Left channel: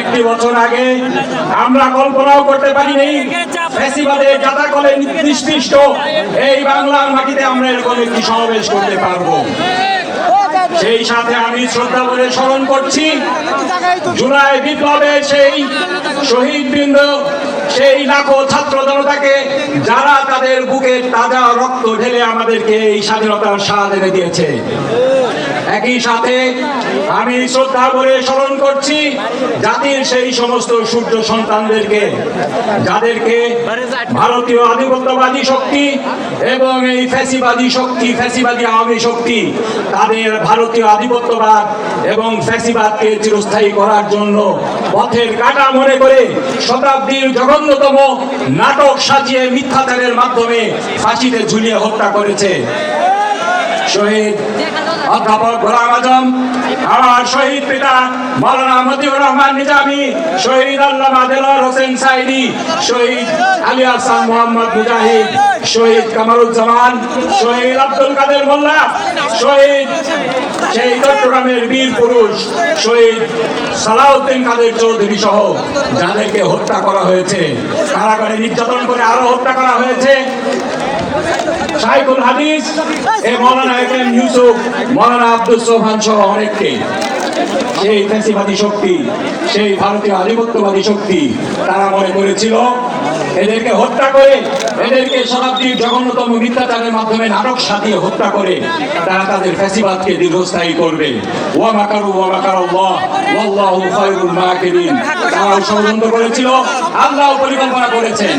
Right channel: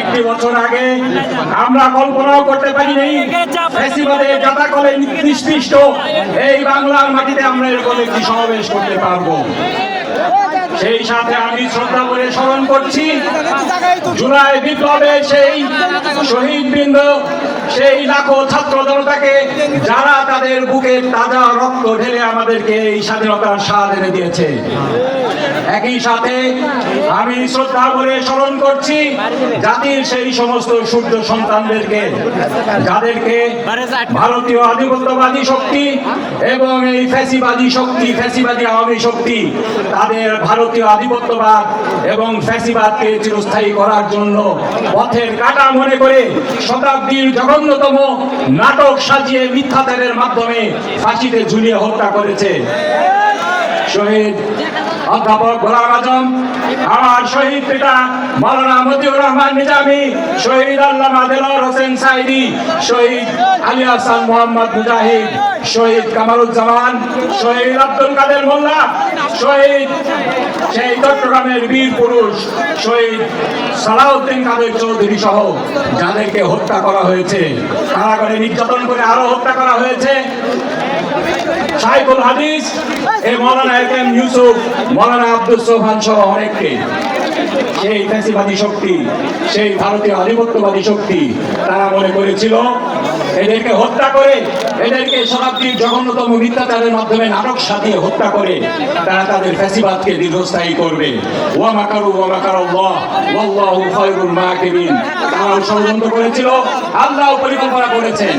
একটি বছর আগে আমরা কল্পনাও করতে পারিনি ফ্যাসিবাদের যাতা করে নিষ্পৃষ্ট এই বাংলার মাটিতে আমরা এরকম একটি সমাবেশ করতে পারব। সেই সাথে আমি শ্রদ্ধা করে স্মরণ করছি, জুলাই বিপ্লবে সেই শহীদ বৃন্দ, সেই লাখো ছাত্র জনতাকে যারা তাদের বুকের তাজা রক্ত ঢেলে আমাদেরকে এই স্বাধীনতার স্বাদ এনে দিয়েছে। একই সাথে আমি শ্রদ্ধা করে স্মরণ করছি জাতির সেই সমস্ত সূর্য সন্তানদেরকে, যাদেরকে ভারতীয় আধিপত্যবাদী শক্তি এবং এই ফ্যাসিবাদী শক্তি, ফ্যাসিবাদী আওয়ামী শক্তি, তাদের ভারতীয় আধিপত্যবাদ এবং ফ্যাসিবাদকে চিরস্থায়ী করার জন্য পথের কাটা মনে করে শতাব্দীর জঘন্যতম নাটক সাজিয়ে মিথ্যাচারের মাধ্যমে ফাঁসিতে ঝুলিয়ে হত্যা করেছে। শহীদ অধ্যাপক গোলাম আজম, আমার শহীদ পিতা মৌলানা মতিউর রহমান নিজামী, শহীদ আল্লামা দেলার হোসেন সাইদি, শহীদ আলী আহসান মোহাম্মদ মুজাহিদ, শহীদ কামারুজ্জামান, শহীদ আব্দুল কাদের মোল্লা, শহীদ সেই চট্টগ্রামের বীর পুরুষ, শহীদ সালাউদ্দিন কাদের চৌধুরী সহ যাদেরকে হত্যা করা হয়েছে, কারাগারে নির্যাতন করে আরও হত্যা করা হয়েছে। সাইফুল হাদিস এ মৌলানা একেম ইউসুফ মৌলানা আব্দুল সোহান সহ অনেককে। সেই ফ্যাসিবাদী শক্তি, সেই ভারতীয় আধিপত্যবাদী শক্তি, তারা মনে করেছিল, এদেরকে হত্যা করে, এদেরকে শতাব্দীর জঘন্যতম মিথ্যাচারের মাধ্যমে নাটক সাজিয়ে হত্যা করে, তারা তাদের ফ্যাসিবাদকে দীর্ঘস্থায়ী করবে। ওয়া ষড়যন্ত্র করেছিল, আল্লাহ পরিকল্পনা করেছেন।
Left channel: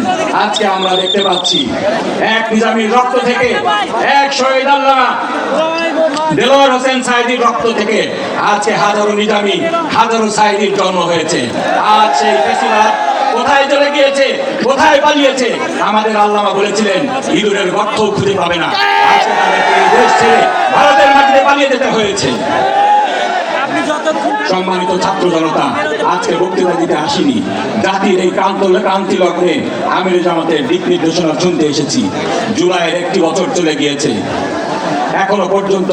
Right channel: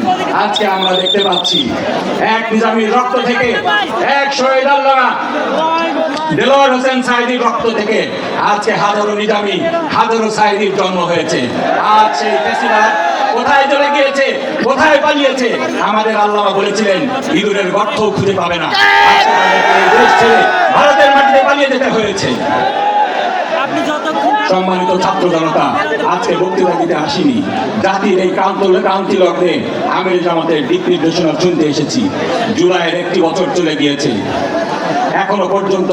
আজকে আমরা দেখতে পাচ্ছি, এক নিজামীর রক্ত থেকে, এক শহীদ আল্লাহ, দেলোয়ার হোসেন সাইদির রক্ত থেকে, আজকে হাজারো নিজামী হাজারো সাইদির জন্ম হয়েছে। আজ সেই ফেসিবাদ কোথায় চলে গিয়েছে কোথায় পালিয়েছে আমাদের আল্লামা বলেছিলেন ইঁদুরের গর্ত খুঁজে পাবে না। ভারতের মাটিতে পালিয়ে যেতে হয়েছে। সম্মানিত ছাত্র জনতা আজকে বক্তৃতা দিতে আসিনি। জাতির এই ক্রান্ত ক্রান্তি লগ্নে আমির জামাতের দিক নির্দেশনা শুনতে এসেছি। জুলাইয়ের একটি বছর চলে গিয়েছে। এখনও পর্যন্ত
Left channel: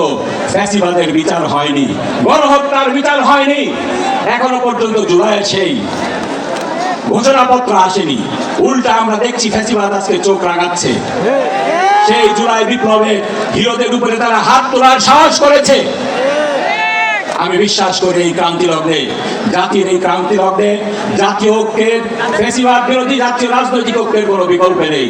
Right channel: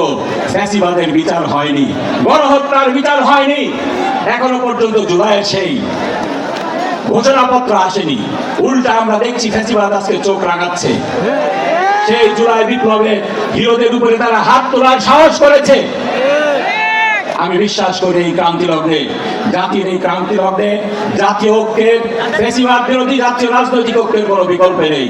ফ্যাসিবাদের বিচার হয়নি, গণহত্যার বিচার হয়নি। এখনও পর্যন্ত জুলাইয়ের সেই ঘোষণাপত্র আসেনি। উল্টা আমরা দেখছি ফ্যাসিবাদ আজকে চোখ রাঙাচ্ছে। সেই জুলাই বিপ্লবে হিরোদের উপরে তারা হাত তোলার সাহস করেছে। আমি বিশ্বাস করি এই ক্রান্তি লগ্নে, জাতির এই ক্রান্তি লগ্নে, জাতীয় ঐক্যের ফেসিবাদ বিরোধী জাতীয় রাজনৈতিক ঐক্যের কোনো বিকল্প নেই।